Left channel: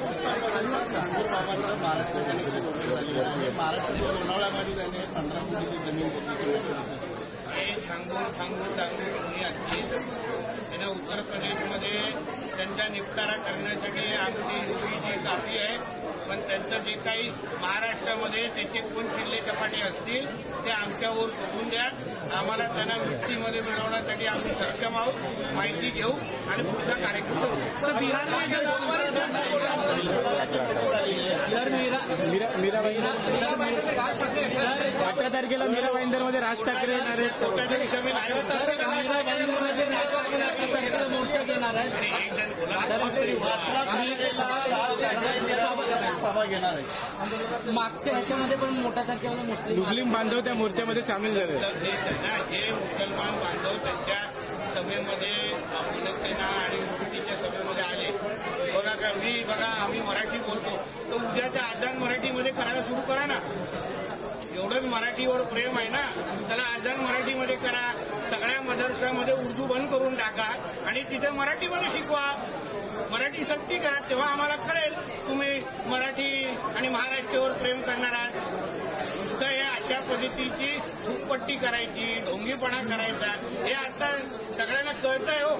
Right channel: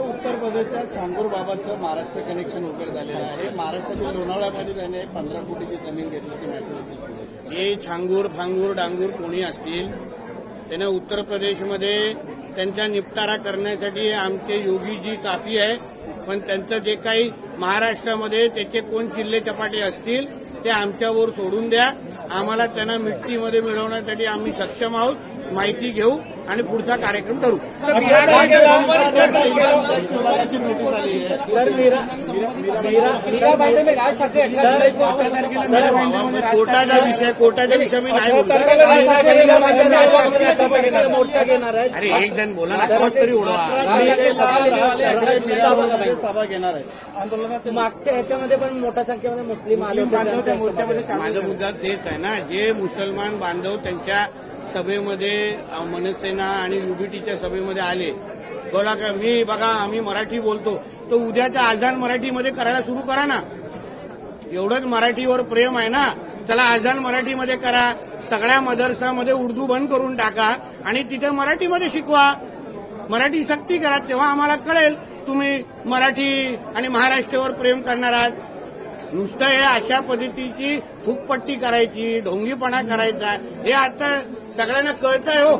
उत्तर प्रदेशच्या चांगूर बाबाचं महाराष्ट्र कनेक्शन वगैरे झालेलं आहे। महाराष्ट्रातील लोणावळ्यामध्ये त्याने 15 कोटीची जमीन घेतल्याची माहिती हे छांगूर फांगूर डांगूर कोणी असतील त्यांना उत्तर प्रदेशमध्ये त्यांचा निपटारा करण्यासाठी आमचे योगी जी काफी आहे, पण त्यांचं जे काही महाराष्ट्रामध्ये त्याचे कोण किल्ले चपाटे असतील ते आमच्यावर सोडून द्या। आम्हाला त्यांना मिट्टीमध्ये मिळवण्यासाठी आम्ही सक्षम आहोत। माहिती घेऊ आणि पुढचा कार्यक्रम करू। कोर्टाचा विषय मी नाही बोलतो। अरे एक जण बोला ना, आवाज तरी ओढवा। सभा घेणार आहे मागच्या याच्यामध्ये पण मोठ्या संख्येमध्ये मुस्लिम आले। माझा मुद्दा तेच आहे ना, जे मुसलमान बांधव त्यांच्या सभेमध्ये मनसेना आणि युबीटीच्या सभेमध्ये आले, बोला का मी बघा आम्ही मराठी बोलतो, तो उद्याचा आजान मराठीमध्ये करायला सुरू करा ना। एवढंच मराठीवर प्रेम आहे ना, त्याला आजान मराठीमध्ये करा। सगळ्या मदरसामध्ये उर्दू बंद करून टाका आणि तिथे मराठीमध्ये शिकवा। मराठी सक्ती करा, तेव्हा आम्हाला कळेल तुम्ही मराठी आणि महाराष्ट्रावर प्रेम करणार आहात। नुसतं हे अशा पद्धतीची फुकपट्टी करायची, ढोंगीपणा करायचा, हे आता सगळ्यांना कळतंय हो।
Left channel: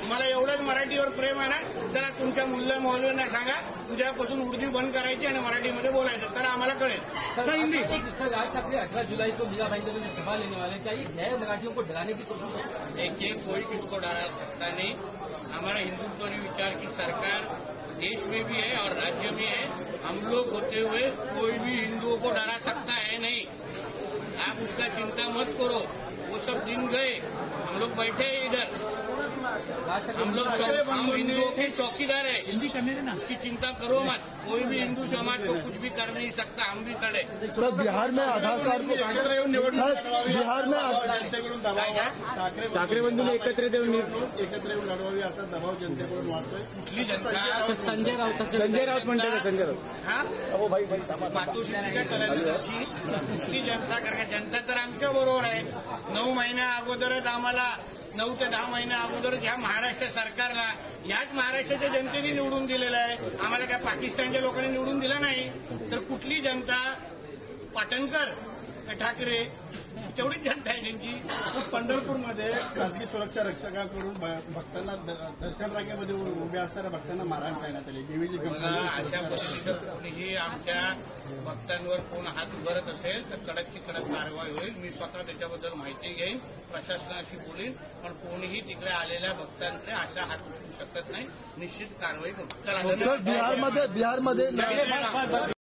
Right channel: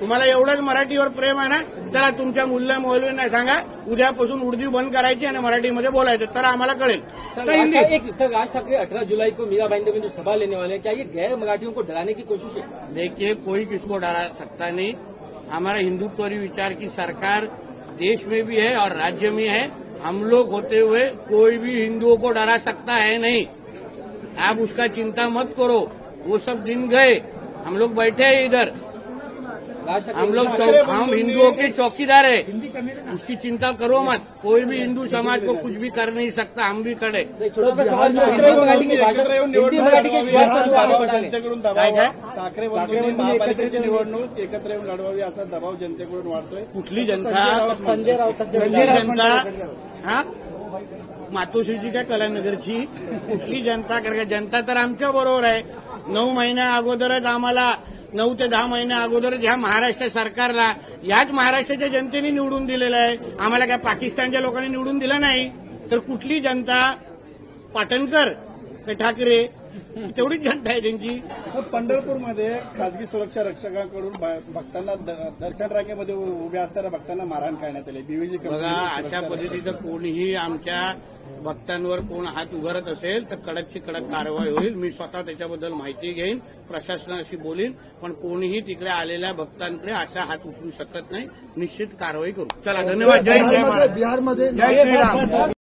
तुम्हाला एवढंच मराठीवर प्रेम आहे ना, चला तुमच्या मुल्ला मौलवींना सांगा उद्यापासून उर्दू बंद करायची आणि मराठीमध्ये बोलायचं, तर आम्हाला कळेल। राज ठाकरे 18 जुलाई को मीरा भाईंदर में जो सभा लेने वाले हैं, क्या ये गैर मराठियों को डराने की कोशिश है? देखिए, कोई किसको डरा सकता नहीं। हमारा हिंदुत्वरी विचार की सरकार देश में भी है और राज्य में है। हम लोग होते हुए कोई भी हिंदुओं को डरा सकता है नहीं। आप उसका चिंता मत करो, वो सब दिन गए। हम लोग बैठे हैं इधर, हम हिंदुओं के चौकीदार है, उसकी चिंता करो मत। कोई भी हिंदू समाज को कुछ भी कर नहीं सकता, हम भी खड़े। जनतेकडून दबाव आहे, ठाकरे महापालिकेची निवडणूक एकत्र येऊन लढवावी असा दबाव जनतेकडून वाढतोय। कुठली जनता? संजय जनता हा मातोश्रीची काय कलानगरची कुठली जनता? कारण जनता तर आमच्या बरोबर आहे। 9 महिन्या अगोदरच आम्हाला 9 ते 10 महिन्या अगोदर ह्या महाराष्ट्र सरकारला याच महाराष्ट्राच्या जनतेने निवडून दिलेलं आहे। आम्हाला काय पाकिस्तानच्या लोकांनी निवडून दिलं नाही। तर कुठली जनता? पाटणकर ठाकरे तेवढीच जनता आहे त्यांची। पंढरपूरमध्ये खासगी सुरक्षा रक्षकांकडून भक्तांना दर्शन रांगेमध्ये उभ्या असणाऱ्या भक्तांना मारहाण करण्यात आली। बीव्हीजी बघा, अशा पद्धतीचं कोणीही आमच्या भक्तांवर कोण हात उगारत असेल तर कडकची कडक कारवाई होईल। मी स्वतः त्याच्याबद्दल माहिती घेईन, प्रशासनाशी बोलीन, पण कोणीही तिकडे आलेल्या भक्तांकडे असा हात उचलू शकत नाही। निश्चित कारवाई करू। चला, धन्यवाद। जय जय महाराज, जय श्रीराम।